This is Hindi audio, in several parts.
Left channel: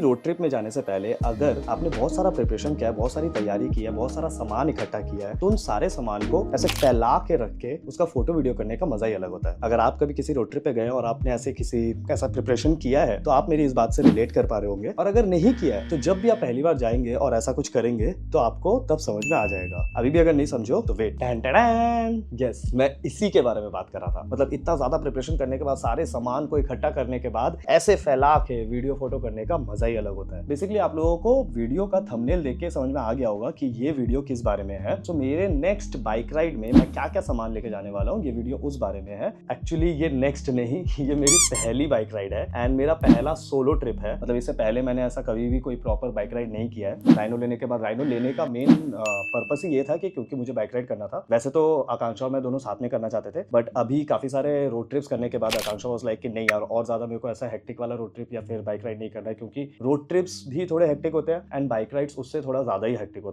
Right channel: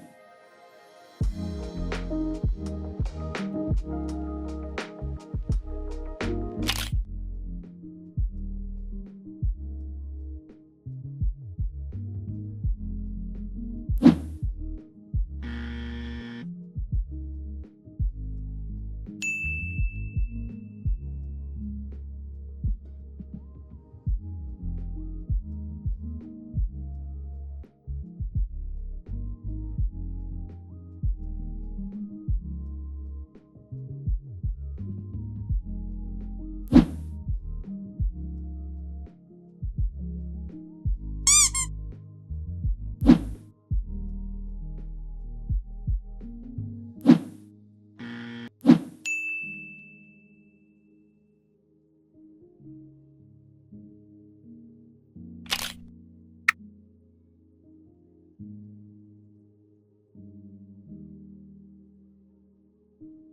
भी रोड ट्रिप में जाने से पहले अगर आपने बहुत सारा प्रिपरेशन किया है, बहुत सारी तैयारी की है, बहुत सारा सामान इकट्ठा किया है, तो उन सारे सामान को ऐसे फैला के रख के उसका फोटो वीडियो करने का मजा ही अलग होता है। अगर आप कभी किसी रोड ट्रिप पे गए और आपने ऐसे किसी ऐसा प्रिपरेशन किया है तो आप मेरी इस बात से रिलेट कर पा रहे होंगे, और अगर नहीं किया है तो जब भी आप पहली बार जाएंगे और ऐसा कुछ करेंगे तो आपको तब समझ में आ जाएगा। अभी भी अगर नहीं समझो तो वेट, यस, मैं इसी के बारे में बात कर रहा था। मतलब इतना ज्यादा प्रिपरेशन करने के बाद, सारे सामान को इकट्ठा करने के बाद ऐसे फैला के वीडियो फोटो करने का मजा ही अलग होता है। बेसिकली आप लोगों को वीडियो का थंबनेल देख के समझ में आ गया होगा कि ये वीडियो किस बारे में है। तो मेरे नेक्स्ट बाइक राइड में मैं क्या क्या सामान लेके जाने वाला हूँ, ये वीडियो उस बारे में है। एक्चुअली ये नेक्स्ट नहीं, ये मेरी पहली बाइक राइड है एंड मेरा पहला सोलो ट्रिप है। मतलब इससे पहले मैंने ऐसा कभी भी कोई प्रॉपर बाइक राइड नहीं किया है। राइनो लेने के बाद, राइनो लेने का मेन पर्पस ही ये था कि क्योंकि मुझे बाइक राइड करना था। वैसे तो आकांक्षा और मैं दोनों साथ में करना चाहते थे, बट अभी काफी सारे रोड ट्रिप्स करने के बाद आकांक्षा वाज लाइक कि नहीं यार, और ज्यादा मेरे को ऐसा हेक्टिक वाला रोड ट्रिप या फिर बाइक राइड नहीं करना है, क्योंकि रोड ट्रिप्स भी थोड़े हेक्टिक होते हैं एंड बाइक राइड्स उससे थोड़ा ज्यादा ही हेक्टिक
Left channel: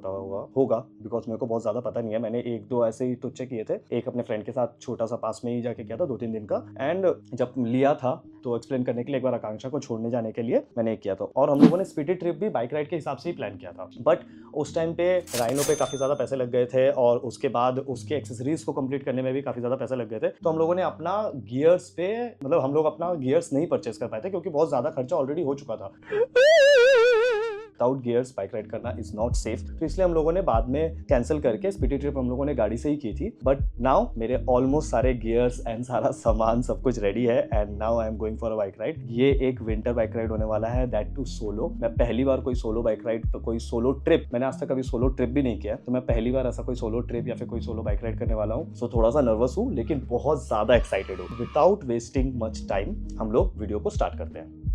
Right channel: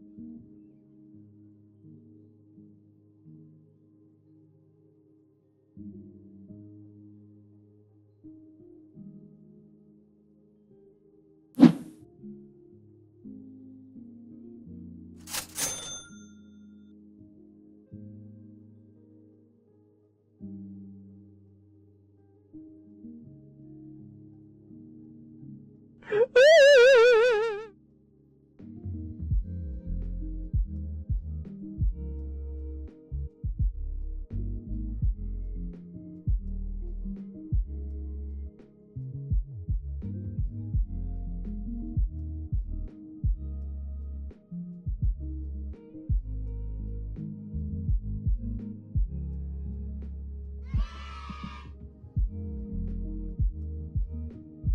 होगा बिकॉज मेरे को बहुत ज्यादा पता नहीं है। मैंने एक दो ऐसे ही तुच्चे किए थे, एक अपने फ्रेंड के साथ छोटा सा पास में ही जाके किया था 2-3 दिन का, एंड जब लिया था तो एक्सप्लेन करने के लिए एक बार आकांक्षा को छोड़ने जाने के लिए मैंने किया था। और हम लोगों ने स्पीडी ट्रिप भी बाइक राइड के हिसाब से ही प्लान किया था, बट उस टाइम पे राइनो पे काफी ज्यादा पैसे लग गए थे और उसके बाद उसके एक्सेसरीज को कंप्लीट करने में भी काफी ज्यादा पैसे लग गए थे। तो हम लोगों ने अपना गियर्स पे, मतलब हम लोग अपना गियर्स नहीं परचेस कर पाए थे क्योंकि बहुत ज्यादा खर्चा ऑलरेडी हो चुका था। विदाउट गियर्स बाइक राइड करना इज नॉट सेफ, तो इसलिए हम लोगों ने बाद में कैंसिल करके स्पीडी ट्रिप हम लोगों ने गाड़ी से ही की थी। बट नाउ मेरे ऑलमोस्ट सारे गियर्स एंड सारा सामान सब कुछ रेडी है and now I am going for a bike ride. ये एक विंटर बाइक राइड होने वाला है, दैट टू सोलो। मैं पहली बार कोई सोलो बाइक राइड, तो कोई सोलो ट्रिप, मैंने आज तक कभी सोलो ट्रिप भी नहीं किया, तो मैं पहली बार ऐसा कोई सोलो ट्रिप या फिर कोई सोलो बाइक राइड करने वाला हूँ। सो थोड़ा सा नर्वस हूँ लेकिन बहुत ज्यादा एक्साइटेड हूँ। विदाउट वेस्टिंग मच टाइम हम लोग वीडियो को स्टार्ट करते हैं।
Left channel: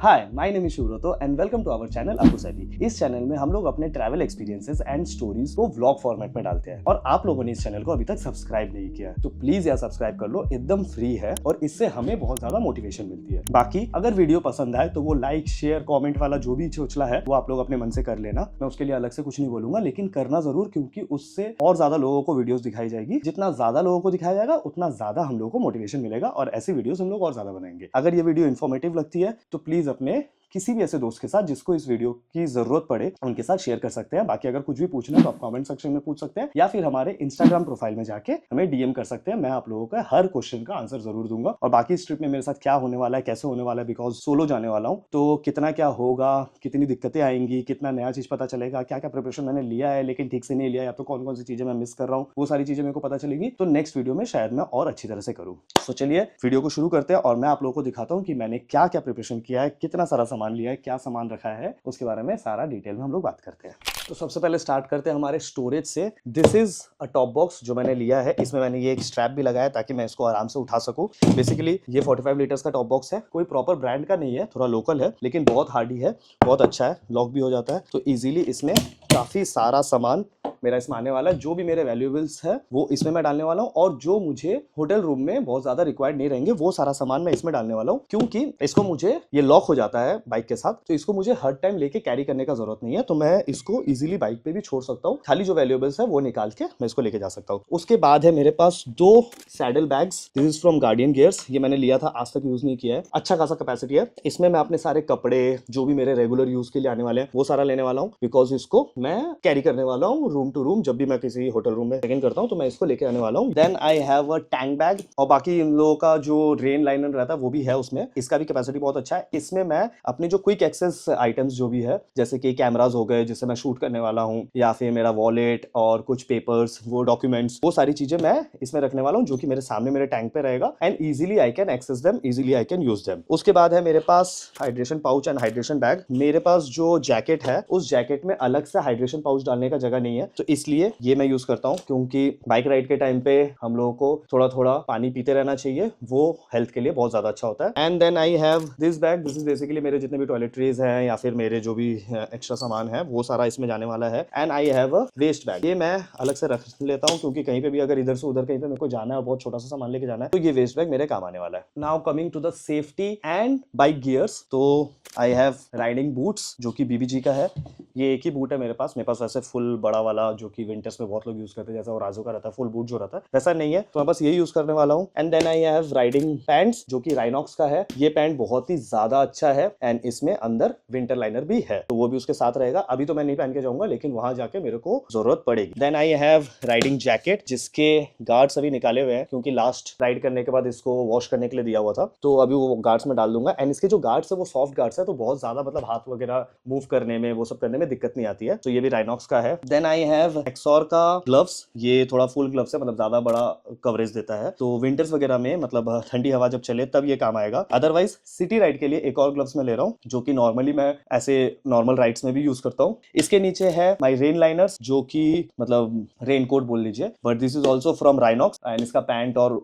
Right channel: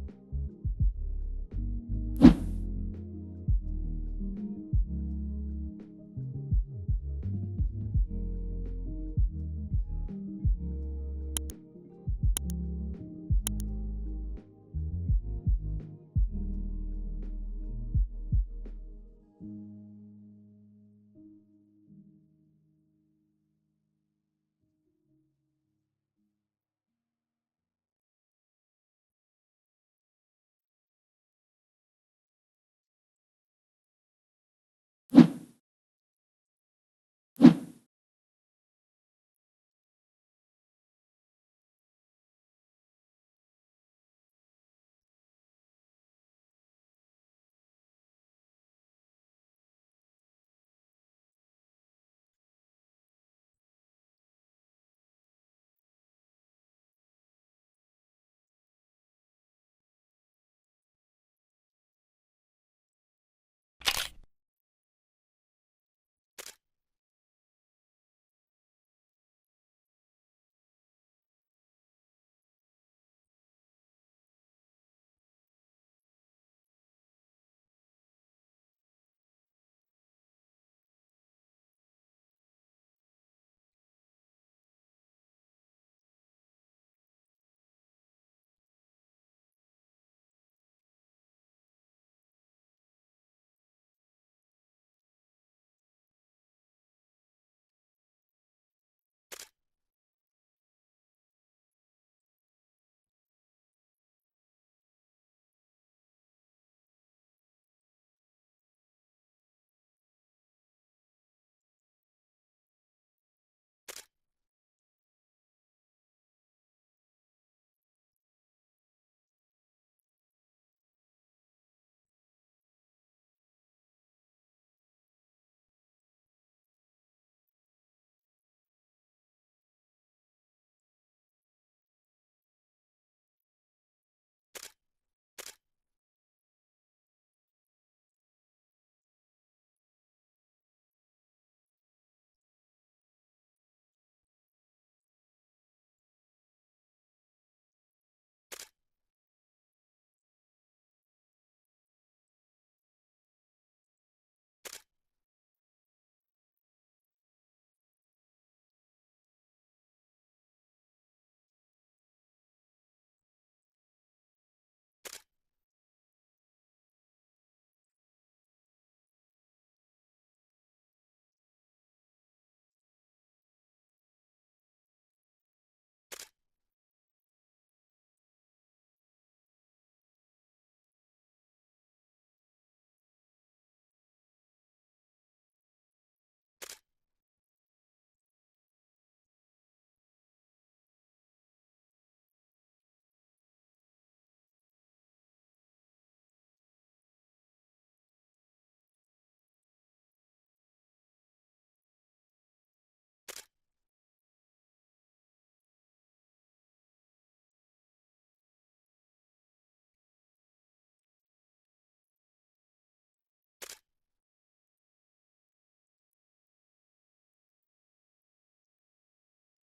Hi, my name is Shivrato and welcome to our channel Abu Saifi. इस चैनल में हम लोग अपने ट्रैवल एक्सपीरियंसेस एंड स्टोरीज को व्लॉग फॉर्मेट में डालते हैं, और आप लोगों ने इस चैनल को अभी तक सब्सक्राइब नहीं किया है तो प्लीज यार सब्सक्राइब कर लो, एकदम फ्री है और इससे हमें बहुत ज्यादा मोटिवेशन मिलती है। बाकी अगर वीडियो पसंद आए तो वो लाइक शेयर कॉमेंट वाला जो भी चोचला है वो आप लोग अपने मन से कर लेना। मैं उसके लिए अलग से कुछ नहीं बोलूंगा, लेकिन करना जरूर, क्योंकि उससे और ज्यादा लोगों को वीडियोस दिखाई जाएगी। जितना ज्यादा लोगों को दिखाया जाएगा उतना ज्यादा हम लोगों को मोटिवेशन मिलेगा और ऐसी वीडियोस हम लोग और ज्यादा बनाएंगे। अगर ये वीडियो इन्फॉर्मेटिव लगती है तो प्लीज अपने किसी भी ऐसे दोस्त के साथ जिसको इस वीडियो की जरूरत पड़े उनके साथ शेयर कर सकते हैं। बाकी अगर कुछ भी पूछना है तो आप कमेंट सेक्शन में पूछ सकते हैं या फिर हमारे इंस्टाग्राम प्रोफाइल में जाके हमें डीएम कर सकते हैं। मैं आप लोगों का हर क्वेश्चन का आंसर जरूर दूंगा। और बाकी इस ट्रिप में मेरे साथ क्या होने वाला है, कैसे होने वाला है, बिकॉज सोलो जाने वाला हूँ, तो कितना क्या होगा, कितनी दिक्कतें आएंगी, कितना नया चीज पता चलेगा, क्या क्या प्रिपरेशन मैंने लिया है लेकिन ठीक से नहीं लिया, या तो कौन कौन सी चीजें मैं मिस कर रहा हूँ, वो सारी चीजें मेरे को पता चलेगी। तो नेक्स्ट वीडियो में शायद मैं और अच्छी तरह से करूँ। तो चलिए वीडियो को शुरू करते हैं और मैं आप लोगों को दिखाता हूँ कि मैंने क्या क्या प्रिपरेशन किया है, कितना सारा सामान लिया है, क्या सामान रखा है, उसके बारे में सारा डिटेल में हम लोग बात करते हैं। तो सबसे पहले स्टार्ट करते हैं हमारे स्टोरेज से। This is a top box जो मैंने लिया है। इसमें मैंने ये एक स्ट्रैप भी लगाया ताकि मैं इसको आराम से उठा सकूं। बेसिकली ये 45 लीटर्स का टॉप बॉक्स है, कोई प्रॉपर ब्रांड का नहीं है, थोड़ा लोकल है लेकिन बहुत हार्डी है, बहुत अच्छा है, लॉक भी हो जाता है। तो इजीली इसमें काफी सारा सामान मेरा इसमें आने वाला है। जो भी मेरे वैल्यूएबल्स है वो इसमें मैं डालने वाला हूँ, और जो मुझे होटल रूम में बहुत ज्यादा रिक्वायर्ड नहीं रहेंगे वो सारा सामान मैं इसमें डालने वाला हूँ, क्योंकि इसको मुझे, ये लॉक हो जाता है बाइक के साथ, तो इसको मुझे हर टाइम लेके कैरी करने का जरूरत नहीं है। तो मैं इसको इजीली बाइक पे भी छोड़ सकता हूँ, खाली जो वैल्यूएबल्स है वो निकाल के मैं इसको लेके जा सकता हूँ। उसके बाद है मेरे पास 2 saddle bags. This is from guardian gears. ये मैंने लिया था, आज तक यूज नहीं किया है, अच्छा खासा कैपेसिटी है। इसमें मैं अपने सारे कपड़े जो भी मेरे रेगुलर यूज के लिए आने वाले हैं वो सारा लेने वाला हूँ, बिकॉज इसको मैं कैरी करने वाला हूँ रूम टू रूम। जब भी मैं किसी होटल रूम में चेक इन करता हूँ तो मैं इसको लेके आने वाला हूँ। Then I have a tank bag, और बाकी इन लोगों का जो रेन लाइनर रहता है वो भी है उसमें। इसका भी कैपेसिटी बहुत अच्छा है। इसमें मैं अपनी जो क्विक एक्सेस आइटम्स जो भी है, जैसे कि कैमराज हो गए जिससे मैं शूट करने वाला हूँ, या फिर मेरा वॉलेट और कुछ पेपर्स, वो डॉक्यूमेंट्स, वो सारी चीजें मैं इसमें रखने वाला हूँ, जो कि मेरे सामने मेरे टैंक पे रहेगा and easily I can access them, easily I can use them. उसके बाद है मेरे पास hydration pouch and hydration bag. मेरे पास जो जैकेट है उस जैकेट में अलग से हाइड्रेशन पाउच डालने का जगह नहीं है, तो इसलिए ये मैं यूज करता हूँ, क्योंकि बाइक राइड के टाइम पे हम लोगों को थोड़ा थोड़ा पानी पीते रहना चाहिए, वो हेल्थ के लिए बहुत ज्यादा अच्छा होता है। And then I have this bag. This is basically मेरे जितने भी टॉयलेटरीज हैं या फिर मेरे जो भी एक्स्ट्रा सामान है वो सारा इसमें जाने वाला है। And I have a waste bag. ये मैं अलग से रख लेता हूँ, क्योंकि कहीं पे भी अगर इधर से उधर कहीं पे मेरे को जाना है और बहुत छोटा सा सामान लेके जाना है तो ये वेस्ट बैग मेरे काम आने वाला है। Now coming to the safety and bike gears, तो आई हैव राइडिंग बूट्स जो कि बीबीजी का है। ये एक ही बूट है मेरे पास वैसे फुल बड़ा वाला जो कि विंटर्स में बहुत लोग यूज करते हैं, जैसा ओराजो का रहता है फुल बूट जो रहता है, वैसा नहीं है, तो मैं बस यही यूज करने वाला हूँ। And then I have riding pants जो कि राइनॉक्स का है। ये पैंट बहुत ही ज्यादा अच्छा है एंड इसमें अंदर विंटर लाइनर भी है, तो वो भी उसके साथ रहेगा। अभी तो मैं नहीं पहन के जाऊंगा, लेकिन वहां जाके मेरे को जरूरत पड़ेगी। Then I have riding jacket जिसके गार्ड्स अभी निकाले हुए हैं, क्योंकि लास्ट राइड करने के बाद इसको वॉश करने के लिए दिया हुआ था, तो अभी वो गार्ड्स में डाल दूंगा। एंड इसके जो गार्ड्स है वो सॉफ्ट गार्ड्स है, तो बहुत ज्यादा मतलब हाथ वगैरह मूव करने में वो सब करने में दिक्कत नहीं आती है। तो ये भी राइनॉक्स का है। देन आई हैव एक्सॉर का ग्लव्स, ये थोड़ा फुल ग्लव्स है, मतलब ज्यादा बड़ा कवरेज देता है, तो विंटर्स वगैरह में मतलब ठंडी हवा जब चले तब ये काम आएगा। अदरवाइज सिटी राइड के लिए एक और ग्लव्स में ले रहा हूँ, जो कि नॉर्मली मैं ऐसे नॉर्मल राइड्स में भी यूज करता हूँ। इसके नीचे है माई रेन लाइनर्स, जो कि मतलब रेन कोट बोल लीजिए, but this is also from Rhinox. And इसका पैंट और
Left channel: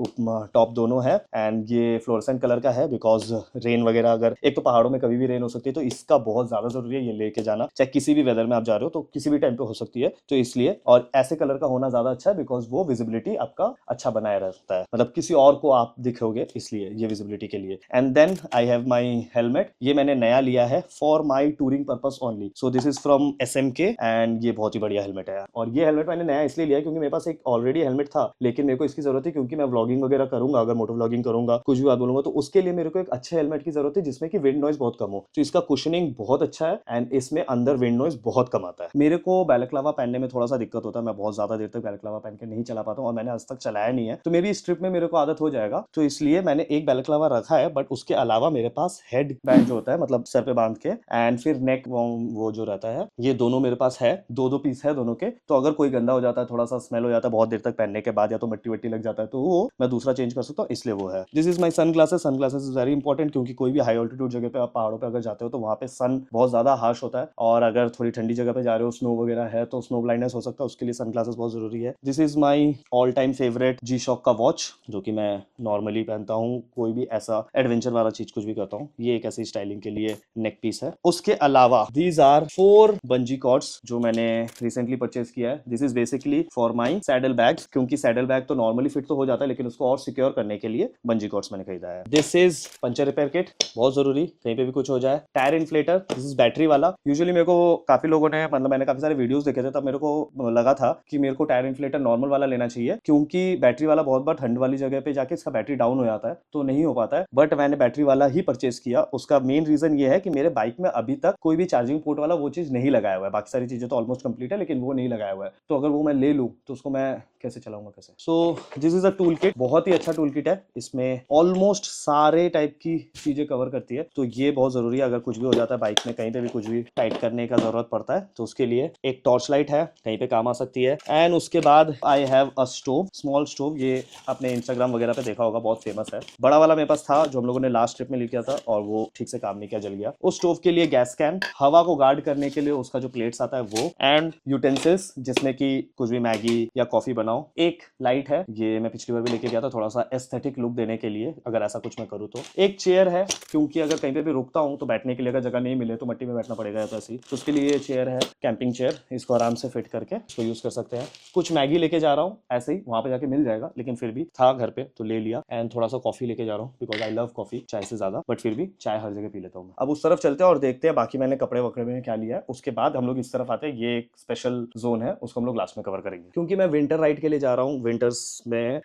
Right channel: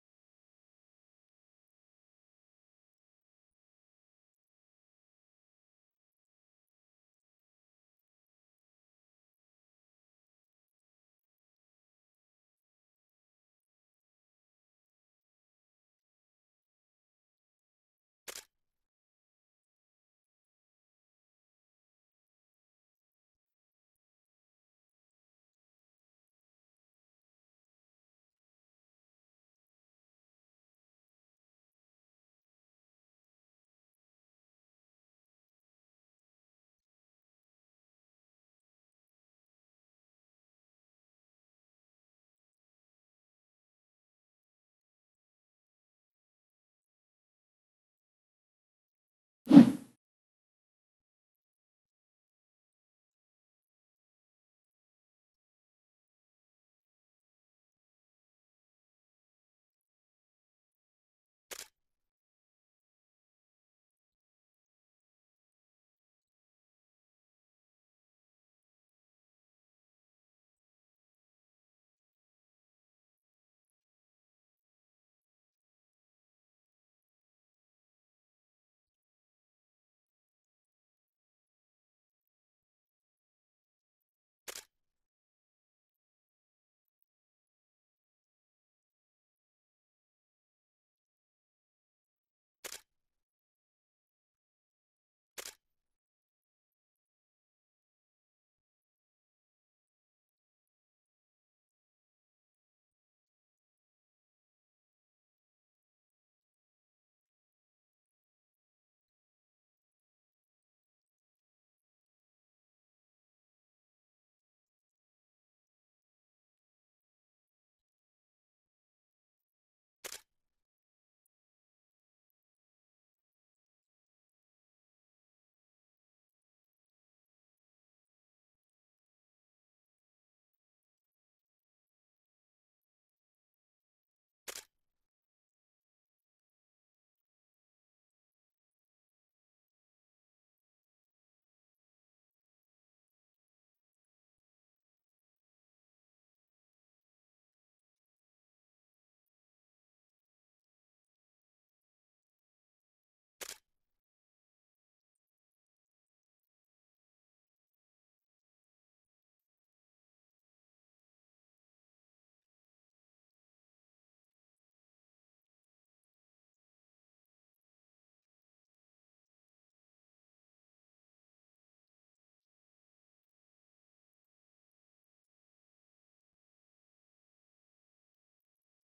टॉप दोनों है, एंड ये फ्लोरेसेंट कलर का है, बिकॉज रेन वगैरह अगर, एक तो पहाड़ों में कभी भी रेन हो सकती है, तो इसका बहुत ज्यादा जरूरी है ये लेके जाना, चाहे किसी भी वेदर में आप जा रहे हो तो किसी भी टाइम पे हो सकती है, तो इसलिए। और ऐसे कलर का होना ज्यादा अच्छा है, बिकॉज वो विजिबिलिटी आपका अच्छा बनाए रहता है, मतलब किसी और को आप दिखोगे, इसलिए ये विजिबिलिटी के लिए। And then I have my helmet, ये मैंने नया लिया है for my touring purpose only, so this is from SMK and ये बहुत ही बढ़िया हेलमेट है। और ये हेलमेट मैंने नया इसलिए लिया क्योंकि मेरे पास एक ऑलरेडी हेलमेट था, लेकिन मेरे को इसकी जरूरत है क्योंकि मैं व्लॉगिंग वगैरह करूंगा, अगर मोटो व्लॉगिंग करूंगा, कुछ भी बात बोलूंगा, तो उसके लिए मेरे को एक अच्छे हेलमेट की जरूरत है जिसमें कि विंड नॉइज बहुत कम हो। तो इसका कुशनिंग बहुत अच्छा है एंड इसमें अंदर विंड नॉइज बहुत कम आता है। मेरे को बैलेक्लावा पहनने में थोड़ा सा दिक्कत होता है, मैं बहुत ज्यादा देर तक बैलेक्लावा पहन के नहीं चला पाता हूँ, और मैंने आज तक चलाया नहीं है, तो मेरी इस ट्रिप में मेरे को आदत हो जाएगा, तो इसलिए मैंने एक बैलेक्लावा रखा है। बट उसके अलावा मेरे पास हेड बैंड जो होता है, मतलब सर पे बांध के, एंड फिर नेक वो जो रहता है, ये दोनों मेरे पास है, दो दो पीस है दोनों के। तो अगर कोई गंदा हो जाता है, थोड़ा सा स्मेल हो जाता है बहुत देर तक पहनने के बाद, या तो मिट्टी वट्टी लग जाता है, तो वो मैं दूसरा चेंज कर सकता हूँ, इसलिए वो है। This is my sunglasses. Sunglasses is very important, क्योंकि कोई भी हाई ऑल्टीट्यूड जगह पे, आप पहाड़ों पे अगर जाते हो, तो वहाँ पे सन बहुत ज्यादा हार्श होता है, और अगर थोड़ी ठंडी जगह पे जा रहे हो, स्नो वगैरह है, तो स्नो ब्लाइंडनेस हो सकता है, उसके लिए सन ग्लासेस बहुत जरूरी है। This is my all time favourite G shock का वॉच, जो कि मैं नॉर्मली पहनता हूँ, कोई भी ऐसा एडवेंचर वाला चीज कुछ भी करता हूँ, ये एक ऐसी स्टाइलिंग के लिए नेक पीस है। उसके अलावा दीज आर 4 बंजी कॉर्ड्स जो मैंने रिसेंटली परचेज किया है। This is basically for my saddle bags, क्योंकि सैडल बैग तो नॉर्मली फिट तो हो जाता है, लेकिन उसको और सिक्योर करने के लिए बंजी कॉर्ड्स मैंने खरीदा है। This is puncture repair kit, बहुत जरूरी, कहीं पे भी कुछ हो जाए। Tyre inflator, this is battery वाला। यूजुअली मेरे को काफी लोगों ने, मतलब मैंने काफी सारे वीडियोस देखे थे, तब मेरे को लगा था कि मेरे को टायर इन्फ्लेटर नॉर्मल वाला लेना चाहिए, क्योंकि बैटरी वाला बहुत बार ठंड वाली जगह पे जाके इसका बैटरी डाउन हो जाता है, तो नहीं हो पाता है। बट मैंने बैटरी वाला ही परचेज किया। उसका मेन रीजन ये है कि मेरे बाइक में अभी तक कोई भी चार्जिंग पोर्ट वाला वो चीज नहीं लगाया हुआ है, बाकी सारी चीजें तो ऑलमोस्ट कंप्लीट है, लेकिन वो नहीं लगाया हुआ है, तो अगर वो मैं ले लूँ तो उसको मैं कैसे चलाऊंगा, कैसे। सो this is a tool kit, बहुत ही अच्छा टूल किट है, इसमें ऑलमोस्ट सारे टाइप की चीजें कवर करती है, तो ये बहुत जरूरी है। अगर कुछ भी हो जाता है बाइक में, कहीं पे भी कुछ भी टाइट करने का जरूरत पड़ता है, तो उसके लिए एक टॉर्च लाइट है, कहीं पे काम आ सकती है। एंड उसके बाद आई have a stove, small stove, ये आपने इंस्टाग्राम वगैरह पे देखा होगा, बहुत फेमस है। बड़ा वाला मेरे पास था जो हम लोगों ने लास्ट ट्रिप में लेके था, और वो ठीक से काम नहीं किया, जल गया। उस स्टोव के लिए गैस कैन, हवा को गार्ड करने के लिए उसका जो प्लेट्स आता है वो, एंड यूटेंसिल्स जिसमें कि कुछ भी मैगी या कॉफी बनाओ। एक लाइट है, ये मैं पिछली बार भी लेके गया था, थोड़ा सा एस्थेटिक लुक देने के लिए, अगर ऐसा कुछ मैं करूँ तो। एक चेयर है, क्योंकि अगर कहीं पे भी रुकता हूँ तो बैठने के लिए अगर जगह नहीं मिले तो मट्टी में बैठना पड़ेगा, तो ऐसी, तो उसके लिए ये चेयर है, कैंपिंग चेयर, इसको आराम से फिट करके इसको यूज कर सकते हैं। कुछ मैगी लेके जा रहा हूँ, ऐसे ही वहां पे जाके मिल जाएगा, लेकिन फिर भी था घर पे तो ले लिया। एंड थोड़ा सा कॉफी लेके जा रहा हूँ, बिकॉज आई लव कॉफी चाय से ज्यादा, बट फिर भी चाय हर जगह पी लेता हूँ। अब उस तरफ चलते हैं और देखते हैं बाकी मैंने कपड़े वकड़े में क्या लिया है। उसके बाद हम लोग इस तरफ आते हैं, ये एक स्पेशल जोन है, उसको हम लोग लास्ट में कवर करेंगे, क्योंकि मैं विंटर राइड के लिए जा रहा हूँ। विंटर्स में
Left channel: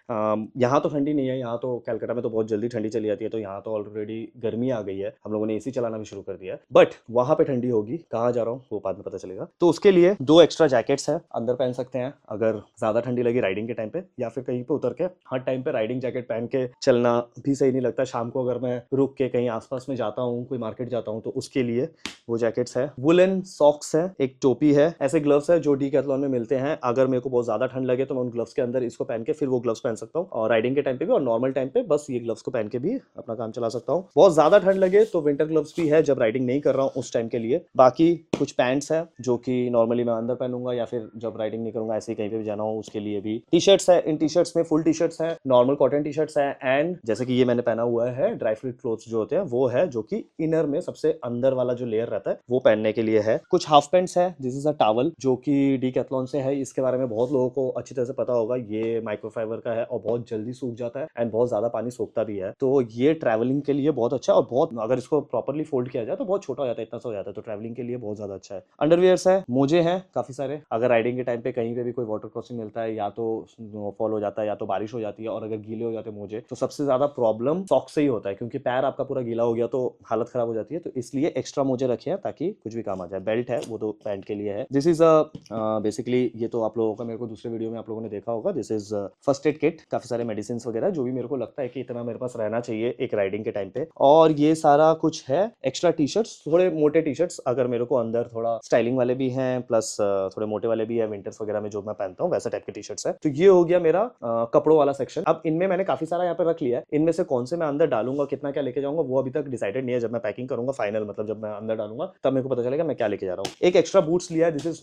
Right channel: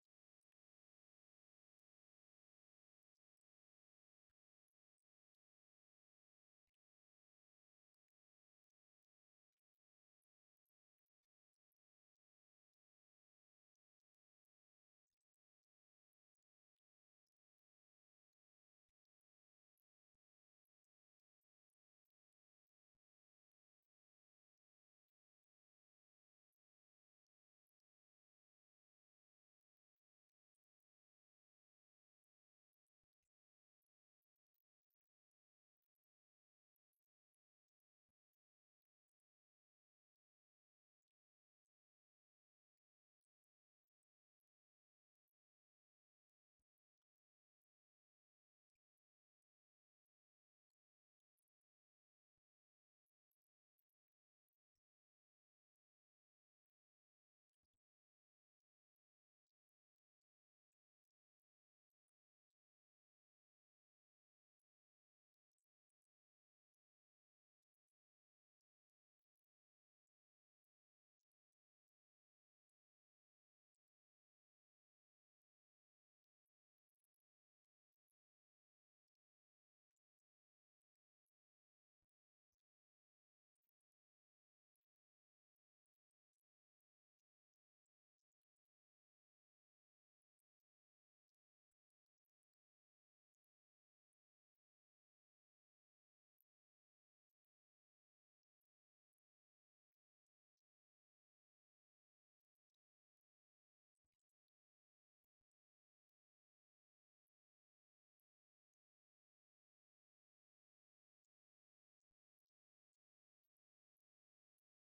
यहाँ तो ठंडी नहीं है, यहाँ तो कैलकाटा में तो बहुत जल्दी ठंडी चली जाती है, तो यहाँ तो ऑलरेडी गर्मी आ गई है, हम लोगों ने एसी चलाना भी शुरू कर दिया है, बट वहां पे ठंडी होगी। कहाँ जा रहा हूँ वो बाद में पता चलेगा। तो उसके लिए 2 एक्स्ट्रा जैकेट्स है, अंदर पहन सकते हैं अगर ज्यादा ठंडी लगी राइडिंग के टाइम पे, या फिर कहीं पे उतर के। हर टाइम पे राइडिंग जैकेट पहन के चलना भी सही नहीं लगता। शाम को अगर मैं रुक के कहीं आसपास में जाता हूँ, कोई मार्केट जाता हूँ, तो उसके लिए वो जैकेट्स है। वुलन सॉक्स है, एक टोपी है, ऐसे ग्लव्स है जो डीकैथलॉन में मिलते हैं। अगर मेरे को बहुत ज्यादा ठंड लगे तो मैं उन ग्लव्स के अंदर इसको पहन के फिर वो ग्लव्स पहन सकता हूँ, और राइडिंग के टाइम पे भी और नॉर्मल टाइम पे बस ये ग्लव्स को पहन के भी अपना काम चला सकता हूँ। बहुत ज्यादा ठंड लगे तो विंटर ग्लव्स भी है, जब राइडिंग नहीं कर रहा हूँ उस टाइम के लिए। बाकी कुछ पैंट्स है जो कि नॉर्मली मैं अंदर पहनूंगा, या फिर जब राइडिंग नहीं करूंगा ऐसे ही कहीं पे भी जाना हो उसके लिए भी। टी शर्ट्स है, इन टी शर्ट्स में फुल टी शर्ट्स है, नॉर्मल कॉटन टी शर्ट्स है, एंड जैसे कि ये मैंने पहना हुआ है ड्राई फ्रूट क्लोथ्स जो होते हैं वो है, जो कि इनर में सबसे अंदर वाला जो लेयर रहता है वो पहनने के लिए है। कुछ हाफ पैंट्स है, दिस इज अ टॉवल जो कि डीकैथलॉन से है। इसके बारे में बहुत लोगों को अच्छी तरह से पता होगा, ये माइक्रोफाइबर का है और बहुत जल्दी सूख जाता है एंड बहुत ज्यादा पानी सोखता भी है, तो ये ट्रैवलिंग के लिए बहुत अच्छा है। और बहुत, अगर इसको प्रॉपरली फोल्ड किया जाए तो बहुत छोटा हो जाता है, इतना सा हो जाता है, तो ट्रैवलिंग के लिए बहुत ज्यादा ज्यादा अच्छा है। अंडरवियर्स है, मोजे हैं काफी सारे, अगर राइडिंग के टाइम पे कहीं पे भी कोई वाटर क्रॉसिंग मिलता है, या तो स्नोफॉल हो जाता है या तो बारिश हो जाती है, और अगर गीले हो जाते हैं मोजे, तो सबसे ज्यादा प्रॉब्लम सॉक्स से ही होता है, क्योंकि पैर आपका पूरा गीला हो गया तो हालत खराब हो जाती है। तो इसलिए एक्स्ट्रा मोजे रखे हैं ताकि कुछ भी काम आ जाए। बेल्ट है, वो तो पैंट के लिए है। दिस इज बेसिकली, ये तो आप लोगों का मेरे को दूसरे वीडियो में आप लोगों ने देखा होगा। This is first aid kit, काफी सारे मेडिसिन वगैरह जो भी मेरे को लगता है कि इतना मेरे पास रहना चाहिए एक राइडिंग के टाइम पे। और ये सारा कुछ है। एक्स्ट्रा टी शर्ट्स, थोड़े मोटे टी शर्ट्स, अगर मेरे को अंदर थोड़ा स्टाइलिंग वाले भी हैं, प्लस थोड़े मोटे वाले भी है, विंटर्स वगैरह में जो मैं पहनता हूँ वैसा टाइप के टी शर्ट्स है। तो ये हो गया मेरा कपड़ों वाला सेक्शन। अब इनमें मैंने काफी सारा यहाँ पे रख लिया है, इनमें से कौन से मैं अंदर डालूंगा, कितना क्या लेके जाऊंगा, वो अभी तक डिसाइडेड नहीं है। जब मैं पैकिंग करूंगा फाइनल, मतलब जब मैं अंदर डालूंगा, तब मेरे को पता चलेगा मैं क्या लेके जा रहा हूँ। एक एक्स्ट्रा बूट्स लिया है, दिस इज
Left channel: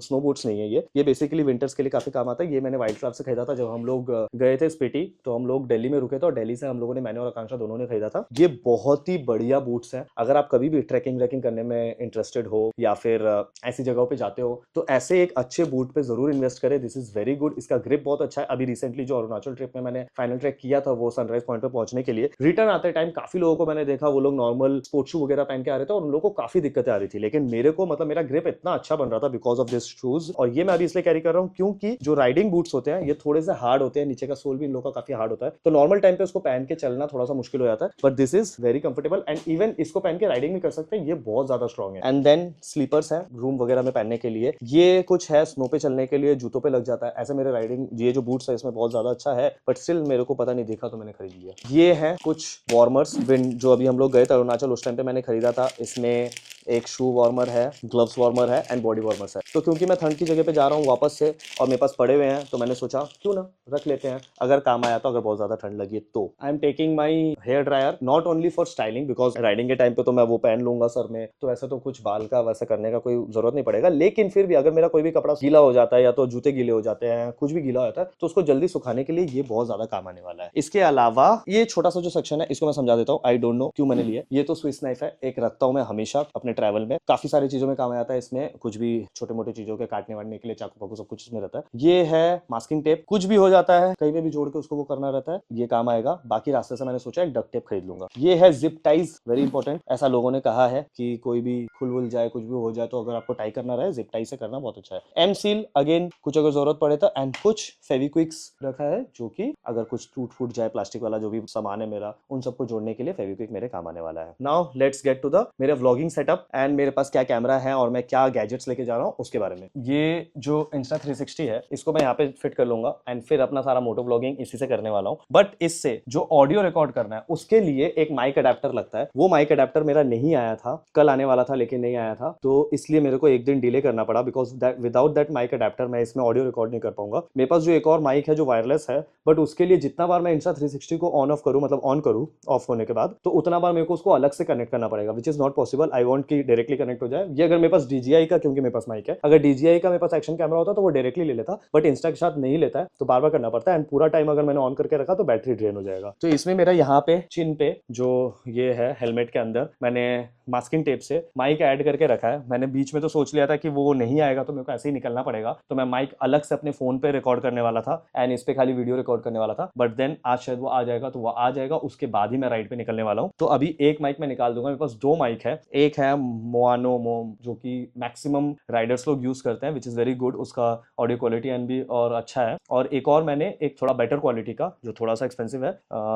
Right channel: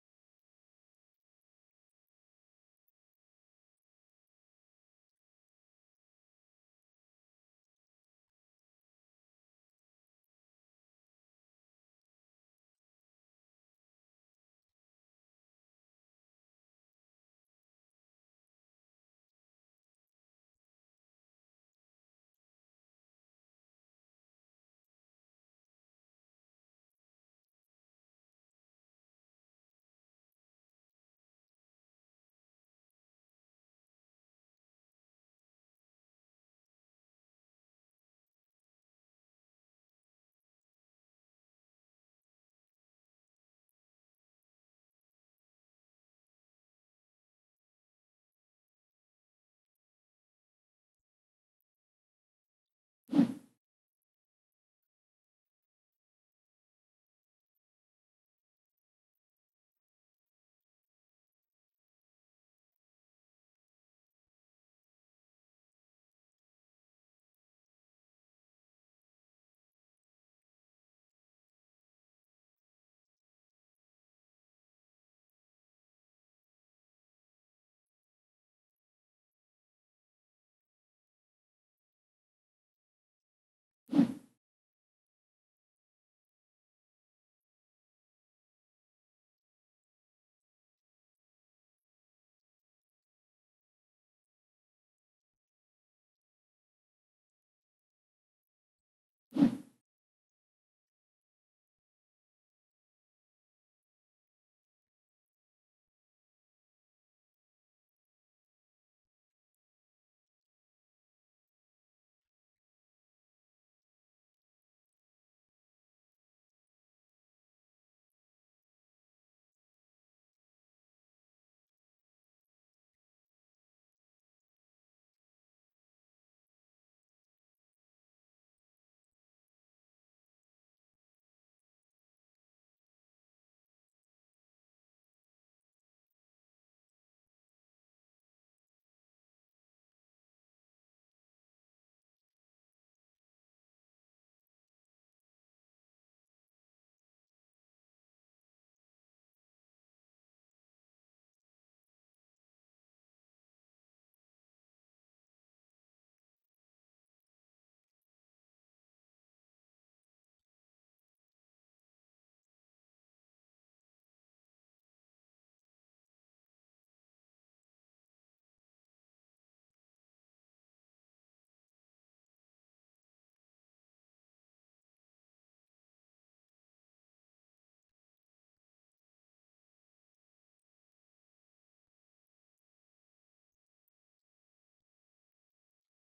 स्नो बूट्स नहीं है ये बेसिकली विंटर्स के लिए काफी काम आता है। ये मैंने वाइल्ड क्राफ्ट से खरीदा था जब हम लोग गए थे स्पीति, तो हम लोग दिल्ली में रुके थे, और दिल्ली से हम लोगों ने, मैंने और आकांक्षा दोनों ने खरीदा था। ये बहुत ही बढ़िया बूट्स है। अगर आप कभी भी ट्रैकिंग व्रैकिंग करने में इंटरेस्टेड हो, या फिर ऐसी जगहों पे जाते हो, तो ऐसे एक अच्छे बूट पे जरूर इन्वेस्ट करें। This is very good. इसका ग्रिप बहुत अच्छा है। अभी रिसेंटली जो अरुणाचल ट्रिप में मैंने फाइनल ट्रैक किया था, वो सनराइज पॉइंट पे पहुंचने के लिए, रिटर्न आते टाइम काफी लोगों को मैंने देखा, वो लोग नॉर्मल स्पोर्ट्स शू वगैरह पहन के आ रहे थे, और उन लोगों को काफी दिक्कतें आ रही थी। लेकिन मेरे को, मतलब मेरा ग्रिप इतना अच्छा बन रहा था बिकॉज ऑफ दिस शूज। और ये मैं अभी इसलिए कैरी कर रहा हूँ क्योंकि जो राइडिंग बूट्स होते हैं ये थोड़े से हार्ड होते हैं, नीचे का सोल भी इन लोगों का काफी हार्ड होता है, तो नॉर्मल टाइम पे उसको पहन के चलना थोड़ा सा मुश्किल हो जाता है। But this is very comfortable, and even इसको पहन के राइडिंग भी कर सकते हैं। ये बहुत ज्यादा स्ट्रॉन्ग है। एंड देन स्लीपर्स है रूम वगैरह में पहनने के लिए। ये कुछ है स्नो पे चलने के लिए, जूतों पे लग जाता है। ऐसे मेरे राइडिंग ये जो बूट्स है इसमें बहुत ज्यादा अच्छा है, बट स्टिल मेरे को पता नहीं दिखा तो मैंने खरीद लिया। ये है कुछ वार्मर्स, जो अभी हम लोग गए थे अरुणाचल, उस टाइम पे मैंने खरीदा था। इसमें एक शू वार्मर है, ग्लव्स वार्मर है, एंड बॉडी वार्मर्स है। तो क्योंकि मैं ठंड की जगह पे जा रहा हूँ वापस से, और मेरे पास पड़े हुए हैं, तो मैंने सोचा क्यों ना रख लेते हैं, अगर काम आया तो, अगर बहुत ज्यादा ठंड लगी तो। I am taking my hair dryer not only for styling, because riding के टाइम पे तो मैं वो पहन लूंगा सर में, तो ऐसा तो कुछ बाल का वैसा करने का कोई जरूरत नहीं पड़ेगा। लेकिन फिर भी अगर मेरा कोई भी कपड़ा गीला हो जाता है, या तो जूते गीले हो जाते हैं, कुछ भी गीला हो जाता है, तो उसको जल्दी सुखाने के लिए ये बहुत ज्यादा काम आने वाला है। इसके अलावा ये छोटा सा जो सेक्शन है, इसको मैं समझा देता हूँ। आई डोंट नो क्यों मैंने लिया। ये तो स्विस नाइफ है, एक रखता हूँ मैं हमेशा अपने ट्रैवल में, काफी सारी चीजों में काम आता है। इसमें कुछ भी छोटे मोटे चीजों के काटने वाटने के लिए, चाकू पाकू सब कुछ इसमें रहता है। ये है मास्किंग टेप, कुछ भी हो जाता है कहीं पे भी जोड़ के उसको वो करना रहता है, ये काम आएगा। बाकी रास्ते से मैंने सोचा एक डक्ट टेप खरीद लूंगा। ये है जिप टाइज, वेरी इंपॉर्टेंट। ऐसा लोगों ने कहा है कि कोई भी खुल वुल जाए, कुछ भी हो जाए, तो अगर आपको टाई करना रहे, जिप टाई से करना बहुत अच्छा है। एम सील अगेन, कुछ अगर जरूरत पड़े तो। एंड कुछ फेविक्विक्स रखा है, जो कि अगर कुछ टूट फूट जाए, प्लास्टिक वाला जो भी सामान है मेरा, उन सबको जोड़ने के लिए फेविक्विक मेरे काम आने वाला है। Now let's get to the मेरे व्लॉगिंग सेटअप, एंड मेरे पास क्या कैमरा है और मैं क्या गैजेट्स लेके जा रहा हूँ उसके बारे में। ये जो Insta360 है, इसको मैं यहाँ पे फिट कर लूंगा, एंड फिर अपना सारा मोटो व्लॉगिंग इसी से करने वाला हूँ। बट इससे जो ऑडियो रिकॉर्ड करना है, उसके लिए एक माइक अडेप्टर लगता है। वो माइक अडेप्टर मेरा नहीं आया था, कल आने वाला था लेकिन नहीं आया था, तो इसलिए मेरे को एक दिन डिले करना पड़ा, because without that mic adapter मैं इसमें ऑडियो रिकॉर्ड नहीं कर पाऊंगा। मेरे पास जो एक और माइक है जो वायरलेस है, बट उसके लिए जितना बार मैं Insta360 को ऑन ऑफ करूँ, मतलब ऑन करूँ ऑफ होने के बाद, तो उतना बार मेरे को उसको अलग से कनेक्ट करना पड़ेगा, which is not possible. I want कि डायरेक्टली कनेक्ट हो जाए। ये अगर मेरे पास DJI का, क्योंकि मेरे पास माइक है, अगर DJI का मेरे पास एक्शन कैमरा होता तो वो डायरेक्टली ले लेता, बट इंस्टा के साथ नहीं लेता है, तो बार बार करना पड़ता है। एंड पूरा टाइम अगर मैंने ऑन करके रखा तो बैटरी ड्रेन हो जाएगा। तो इसमें मेरा यहाँ पे चिन पे जो ये है हेलमेट के अंदर, मैंने मास्किंग टेप से माइक ऐड करके रखा है। मैंने बीच में तो सोच लिया था कि वो नहीं आएगा तो मेरे को ऐसे ही निकलना पड़ेगा, तो मैं माइक अलग से अपने फोन पे रिकॉर्ड करने वाला था, एंड इस पे खाली वीडियो रिकॉर्ड करने वाला था। बट देन आज शायद वो आ जाएगा, तो वो आ जाएगा, उसके बाद ही मैं राइड पे निकलने वाला हूँ। तो अभी एक माइक मैं निकाल दूंगा। मेरे पास दो माइक है, एक है मोआनो मोम, जो कि मैक्सिमम राइडर्स लोग यूज करते हैं, विच इज वेरी गुड। उसका ऑडियो क्वालिटी एंड भी और अच्छा है। और एक और मैंने एक थोड़ा बेटर क्वालिटी का, जो थोड़ा सा एक्सपेंसिव है,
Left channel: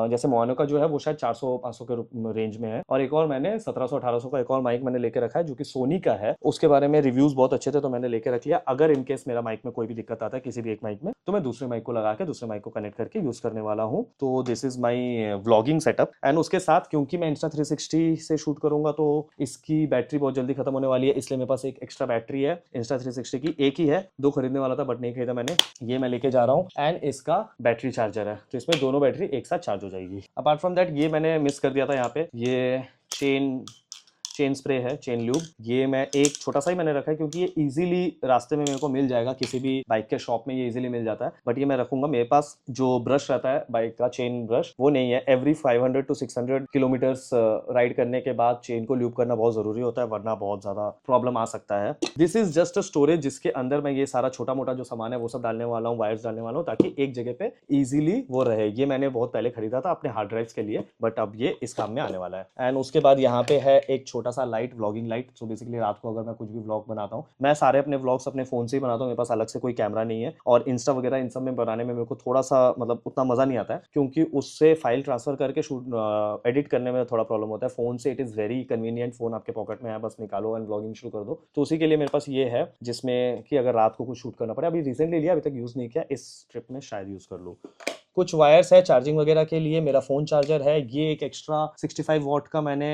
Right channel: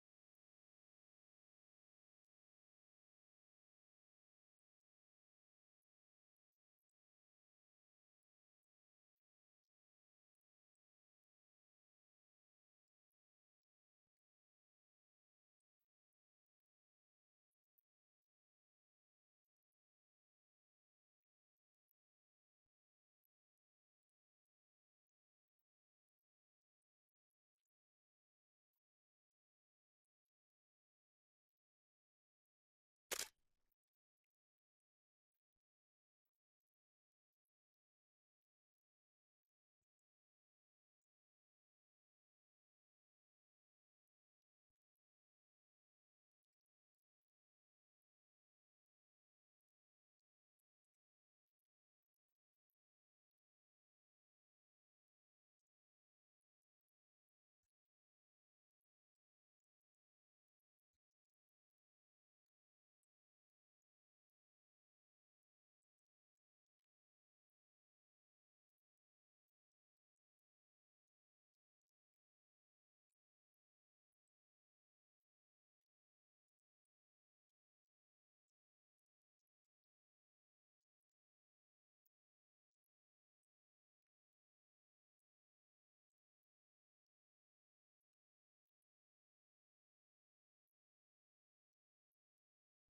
जैसे मोआनो का जो है वो शायद 400-500 के रेंज में है, और एक और मैंने 1700-1800 का एक और माइक मैंने लेके रखा है, जो कि सोनी का है। उसके बारे में रिव्यूज बहुत अच्छे थे, तो मैंने लेके रख लिया। अगर इनकेस मेरा माइक में कोई भी दिक्कत आता है किसी भी एक माइक में, तो मैं दूसरे माइक को लगा के दूसरे माइक को कनेक्ट करके यूज करने वाला हूँ। तो this is my vlogging setup. And उसके साथ क्योंकि मैं Insta360 से शूट करूंगा, तो इसकी बैटरी बहुत जल्दी खत्म होने वाली है, इसलिए मेरे पास एक एक्स्ट्रा बैटरी है Insta360 की। एक ही है, दो खरीदने वाला था बट नहीं खरीदा मैंने। ये मैं लेके जा रहा हूँ, एंड इसका बैटरी चार्जर है, तो इसमें दोनों बैटरी एक साथ चार्ज हो जाएगी। अपार्ट फ्रॉम दैट, ये मैंने मिस कर दिया था यहाँ पे, ये चेन स्प्रे है, चेन ल्यूब। ये मैं एक छोटा सा ही मैंने रखा है, क्योंकि ये इजीली रास्ते में मेरे को मिल जाएगा, किसी भी बाइक के शॉप में ये इजीली मिल जाता है। बट ये मैं रखूंगा। मेरे पास जो ब्रश रहता है बाइक का, चेन ब्रश, वो नहीं है। एवरी 500 to 600 किलोमीटर्स राइड करने के बाद चेन को ल्यूब करना बहुत जरूरी होता है, वरना बहुत ज्यादा प्रॉब्लम आ सकता है। This is just a storage, जिसके अंदर मैं ये सारा छोटा मोटा जो सामान है वो सब डालने वाला हूँ, वायर्स डालने वाला हूँ, ताकि एक जगह पे इजीली वो रहे। ये मैंने बहुत पहले खरीदा था अपने हार्ड ड्राइव्स के लिए, बट अब ये इस काम में आने वाला है। एंड उसके बाद यहाँ पे है एक छोटा छोटा सा light, vlogging light. So basically रात को अगर मैं कुछ भी व्लॉग बनाता हूँ, मैं सारे अपने व्लॉग्स अपने फोन से ही बनाता हूँ, मेरे पास अलग से कोई कैमरा नहीं है। और इंस्टा वगैरह इन सब में बनाने में मेरे को थोड़ा सा मतलब उतना मजा नहीं आता है, क्योंकि उससे फाइल ट्रांसफर करके शूट एडिट करने में थोड़ा प्रॉब्लम होता है। फोन से it is very convenient, phone आपके पॉकेट में है, बस निकालो एंड व्लॉगिंग शुरू कर दो। तो उसी के लिए मेरे पास ये है, जिसमें कि अगर रात को कुछ शूट करना पड़े, अभी रिसेंटली लिया, अभी तक यूज नहीं किया, इस ट्रिप में शायद यूज कर लूँ। कुछ वायर्स है चार्जिंग वगैरह के लिए, मेरा फ़ोन चार्जर है, ये एक एक्स्ट्रा 65 वॉट का मैंने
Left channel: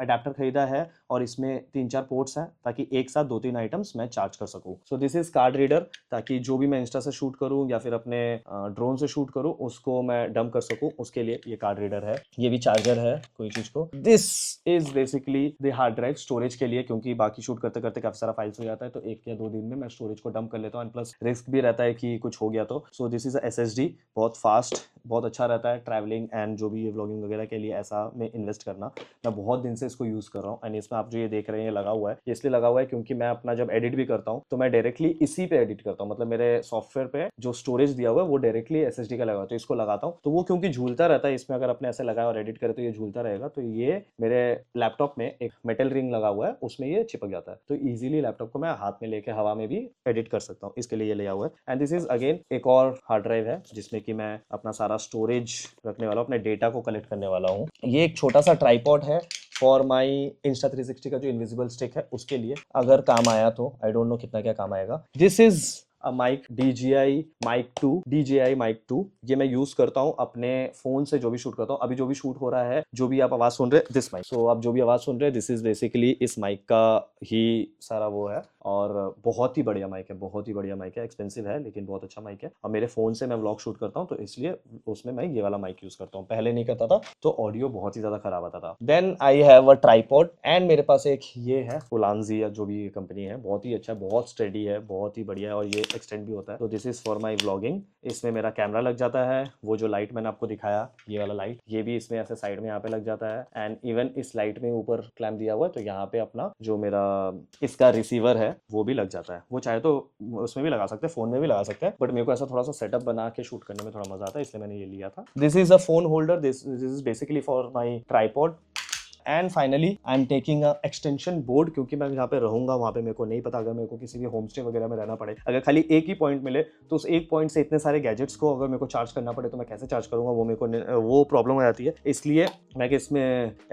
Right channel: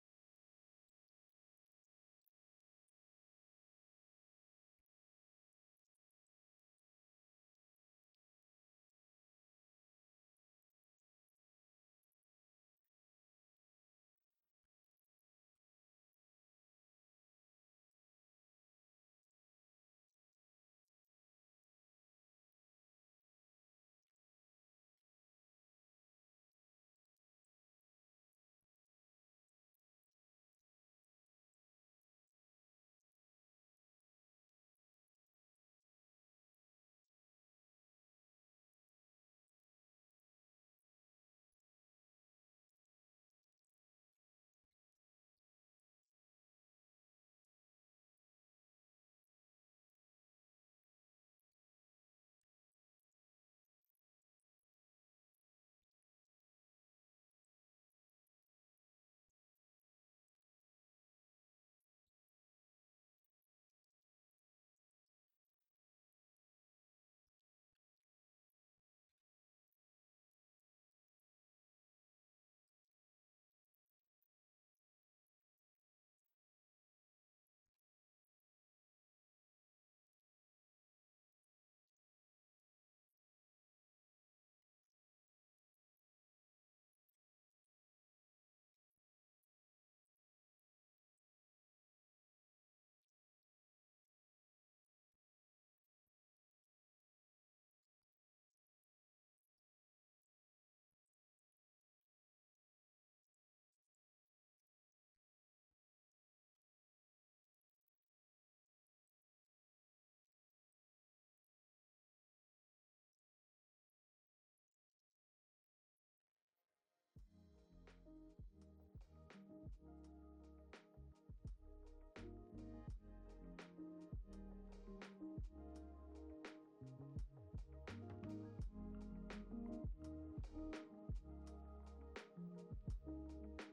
अडेप्टर खरीदा है, और इसमें 3-4 पोर्ट्स हैं ताकि एक साथ 2-3 आइटम्स मैं चार्ज कर सकूं। सो दिस इज कार्ड रीडर, ताकि जो भी मैं इंस्टा से शूट करूं या फिर अपने ड्रोन से शूट करूं उसको मैं डंप कर सकूं, उसके लिए ये कार्ड रीडर है। ये भी चार्जर है कोई चीज़ को। This is basically the hard drive storage के लिए, क्योंकि बाकी शूट करते करते काफ़ी सारा फाइल्स हो जाता है, तो 1 या 2 दिन में मैं स्टोरेज को डंप कर लेता हूँ, एंड प्लस रिस्क भी रहता है कि कुछ हो गया तो। सो दिस इज SSD, बहुत फास्ट, बहुत अच्छा रहता है ट्रैवलिंग एंड जो भी ये व्लॉगिंग वगैरह के लिए ऐसा में इन्वेस्ट करना। मैं बहुत दिन से इसको यूज़ कर रहा हूँ, एंड इसमें आप जो ये देख रहे हैं ये लगा हुआ है, इसलिए लगा हुआ है क्योंकि मैं अपना जब एडिट भी करता हूँ तो मैं डायरेक्टली इसी पे एडिट करता हूँ। मतलब मेरे सॉफ्टवेयर पे जो स्टोरेज दिया हुआ है वो डायरेक्टली SSD का लगा हुआ है, तो इसको लगाता हूँ तो वो क्योंकि झूलता रहता है, इसमें अगर अपने ऐसे लगाया और एडिट करे तो ये झूलता रहेगा। तो ये मेरे लैपटॉप में एक मेटल रिंग लगा हुआ है, उसमें ये चिपक जाता है, तो ईजिली लैपटॉप को मैं हाथ में लेके हवा में भी एडिट कर सकता हूँ, इसके लिए ये लिया हुआ है। एंड दिस इज अगेन एक और हार्ड ड्राइव है, जिसमें कि मैं अपना सारा स्टोरेज रखने वाला हूँ, अपने डेटा को कलेक्ट करने वाला हूँ। ये एक छोटा सा ट्राइपॉड है फॉर माई Insta360 का जो इनविजिबल स्टिक है उसके लिए, अगर काम आया तो। आई डोंट नो कितना क्या काम आएगा। This is mic DJI Mic 2, DJI Mic 2। ये मैं यूज करता हूँ अपने फोन से जो भी शूट करता हूँ। अभी जो भी शूट हो रहा है, जो भी आप आवाज सुन रहे हैं, दिस माइक, सो आप जो भी आवाज सुन रहे हैं, दिस इज बेसिकली इस माइक का ही सारा वो है। और बहुत ही बढ़िया माइक है, बहुत ही बढ़िया माइक है, एक्सपेंसिव है लेकिन बहुत अच्छा माइक है। और मेरे फोन से मैं व्लॉग शूट करता हूँ तो इसलिए उसमें मैं ये वाला माइक यूज करता हूँ, पहले नहीं करता था तो ऑडियो बहुत ही ज्यादा खराब आता था। Then I have a tripod, and मेरे पास एक ये है Ulanzi या जो भी कंपनी है, बहुत ही अच्छा, बहुत स्टेडी है, बहुत ही बढ़िया है, और ये एक्सटेंड भी होता है। तो this is for my vlogging. इसमें मेरा कैमरा लग जाता है, वो जो लाइट मैंने आपको दिखाया, ये वाला लाइट, ये भी इसमें ऐसे साइड में यहाँ पे लग जाता है। एंड इवन इस लाइट में ऊपर क्लैंप दिया हुआ है, तो यहाँ पे अपना जो मेरा इसका रिसीवर है वो भी लग जाता है। वो चाहे तो उसमें भी लगा सकते हैं, फोन में भी लगा सकते हैं, बट मेरे को ऐसा थोड़ा सा सेटअप बना के शूट करने में थोड़ा मजा आता है, इसलिए मैंने ये लिया था। This is a phone holder, this is basically for my tripod. And finally I am taking a extension board, क्योंकि मैं जहाँ पे रहूंगा वहाँ पे मेरे को नहीं पता, अगर मेरे को किसी भी होम स्टे वगैरह में रहना पड़े, अगर खाली एक ही पॉइंट मिले तो उस एक पॉइंट से इतने सारे गैजेट्स को अगर मेरे को चार्ज करना पड़े तो मैं कैसे चार्ज करूंगा, वो मेरे को वो प्रॉब्लम हो जाती है। इसलिए मैं इसमें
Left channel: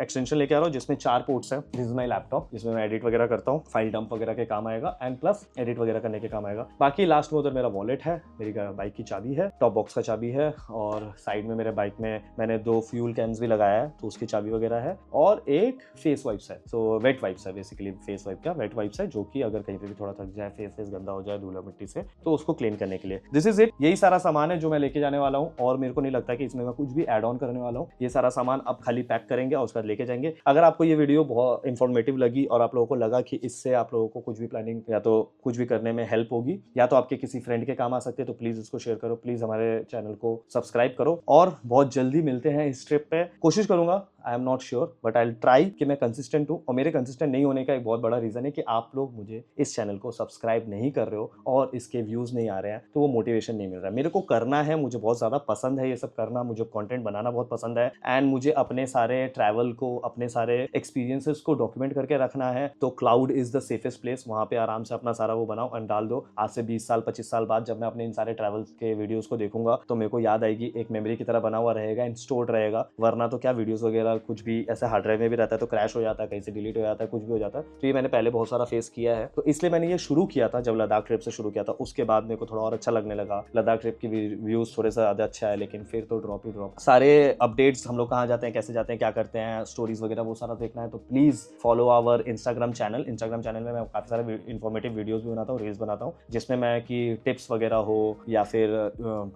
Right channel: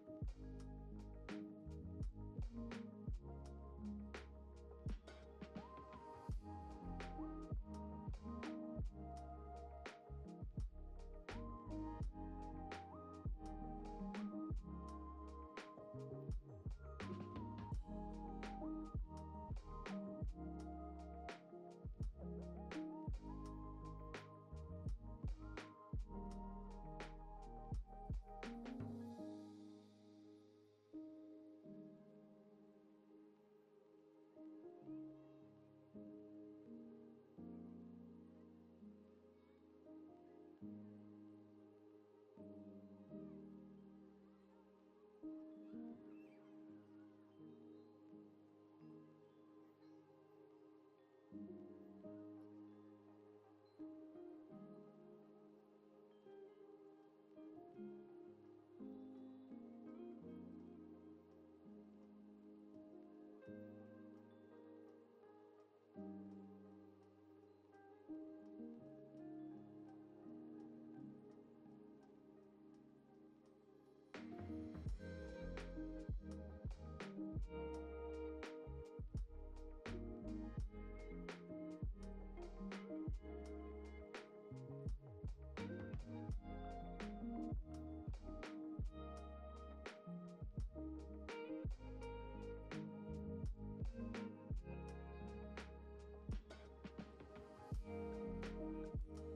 एक्सटेंशन लेके आ रहा हूँ जिसमें 4 पोर्ट्स है। दिस इज माई लैपटॉप, जिसमें मैं एडिट वगैरह करता हूँ, फाइल डंप वगैरह के काम आएगा, एंड प्लस एडिट वगैरह करने के काम आएगा। बाकी लास्ट में उधर मेरा वॉलेट है, मेरी बाइक की चाबी है, टॉप बॉक्स का चाबी है, और साइड में मेरे बाइक में मैंने 2 फ्यूल कैन्स भी लगाया है तो उसकी चाबी वगैरह है, और एक फेस वाइप्स है। सो वेट वाइप्स है, बेसिकली फेस वाइप का वेट वाइप्स है, जो कि अगर कहीं पे भी थोड़ा थक जाए, फेस गंदा हो जाए धूला मिट्टी से, तो उसको क्लीन करने के लिए। दिस इज इट, यही सारा सामान है जो मैं लेके जाने वाला हूँ, और मेरे को नहीं लगता कि इसमें मैं कुछ भी ऐड ऑन करने वाला हूँ। ये सारा सामान अब खाली पैक करेंगे और उसके बाद लेके जाएंगे। अगर आपको ये वीडियो बहुत इंफॉर्मेटिव लगी और आप लोगों को लगा कि इससे आप लोगों को कुछ भी प्लानिंग या तो कुछ भी करने में हेल्प होगी, या तो आपके किसी फ्रेंड के काम आ सकते हैं, तो प्लीज इसको शेयर करो, प्लीज हमारे चैनल को सब्सक्राइब करो, और बहुत जल्दी मिलते हैं इस ट्रिप पे। कोशिश करूंगा, I am not sure, but I will try कि मैं कंसिस्टेंट हूँ। और मेरे कंसिस्टेंट नहीं होने का एक बहुत बड़ा रीजन है कि आप लोग मुझे इस चैनल को सब्सक्राइब नहीं कर रहे हो और इसके व्यूज नहीं आ रहे हैं, तो वो मोटिवेशन नहीं मिल रहा है। मेरे को करना है, मुझे बहुत ज्यादा पसंद है ये सब करना, मुझे कंटेंट बनाना बहुत पसंद है, एंड मुझे अपने सारे ट्रैवल को, अपने सारे एक्सपीरियंसेस को डॉक्यूमेंट करके रखना है। तो cloud is the safest place, वहां पे आराम से अपना सारा वो बनाओ एंड डाल दो। आज से 20 साल 25 साल बाद जब मैं अपने इन सारे ट्रैवल के वीडियोस को देखूंगा तो मेरे को याद आएगी, एक मेमोरी की तरह बना हुआ रहेगा एंड स्टोर्ड रहेगा। वरना तो क्या, वीडियोस वगैरह कुछ भी ऐसे हार्ड ड्राइव में भी रहता है तो क्रैश हो जाता है, कहीं से डिलीट हो जाता है, कुछ भी हो जाता है। तो ये मैंने पहले बहुत सारा फेस किया है, तो इसलिए मैंने ये शुरू किया था जब लद्दाख ट्रिप से शुरू किया था। उसके बाद मेरे को थोड़ा और अच्छा लगने लगा, लद्दाख ट्रिप की व्यूज थोड़े से ज्यादा अच्छा है, लेकिन फिर तो ड्रॉप ही ड्रॉप। सारे अपडेट्स, हम लोग कहाँ जाते हैं, कैसे जाते हैं, क्या करते हैं, स्टोरीज वगैरह, वो सारा देखना है तो please follow our Instagram channel. Instagram channel में मैं काफी सारे इन्फॉर्मेटिव वीडियोस भी बनाता हूँ, रील्स बनाता हूँ, जिसमें मैं कि टिप्स वगैरह हो या फिर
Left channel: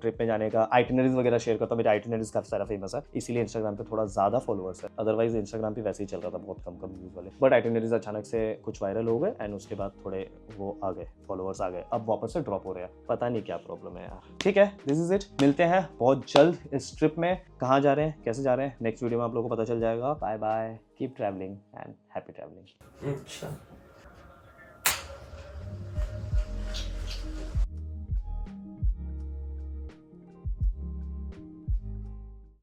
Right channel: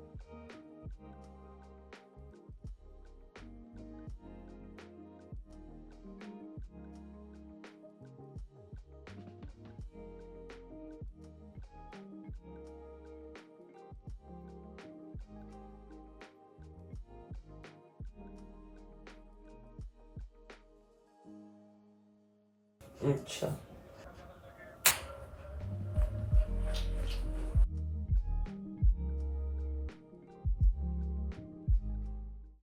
ट्रिप में जाने का आइटिनरीज वगैरह शेयर करता हूँ। मेरे आइटिनरीज काफी सारा फेमस है, इसीलिए इंस्टाग्राम पे थोड़ा ज्यादा फॉलोअर्स है, अदरवाइज इंस्टाग्राम पे वैसे ही चल रहा था बहुत कम व्यूज वाले। बट आइटिनरीज अचानक से कुछ वायरल हो गए एंड उसके बाद थोड़े वो आ गए, फॉलोअर्स आ गए, अब वापस से ड्रॉप हो रहे हैं, पता नहीं क्या प्रॉब्लम है यार। ठीक है, दिस इज इट, मिलते हैं बहुत जल्द इस ट्रिप में। कहाँ जा रहे हैं, कैसे जा रहे हैं, नेक्स्ट वीडियो में आप लोगों को पता चल जाएगा। Bye bye, keep travelling and happy travelling. अच्छा।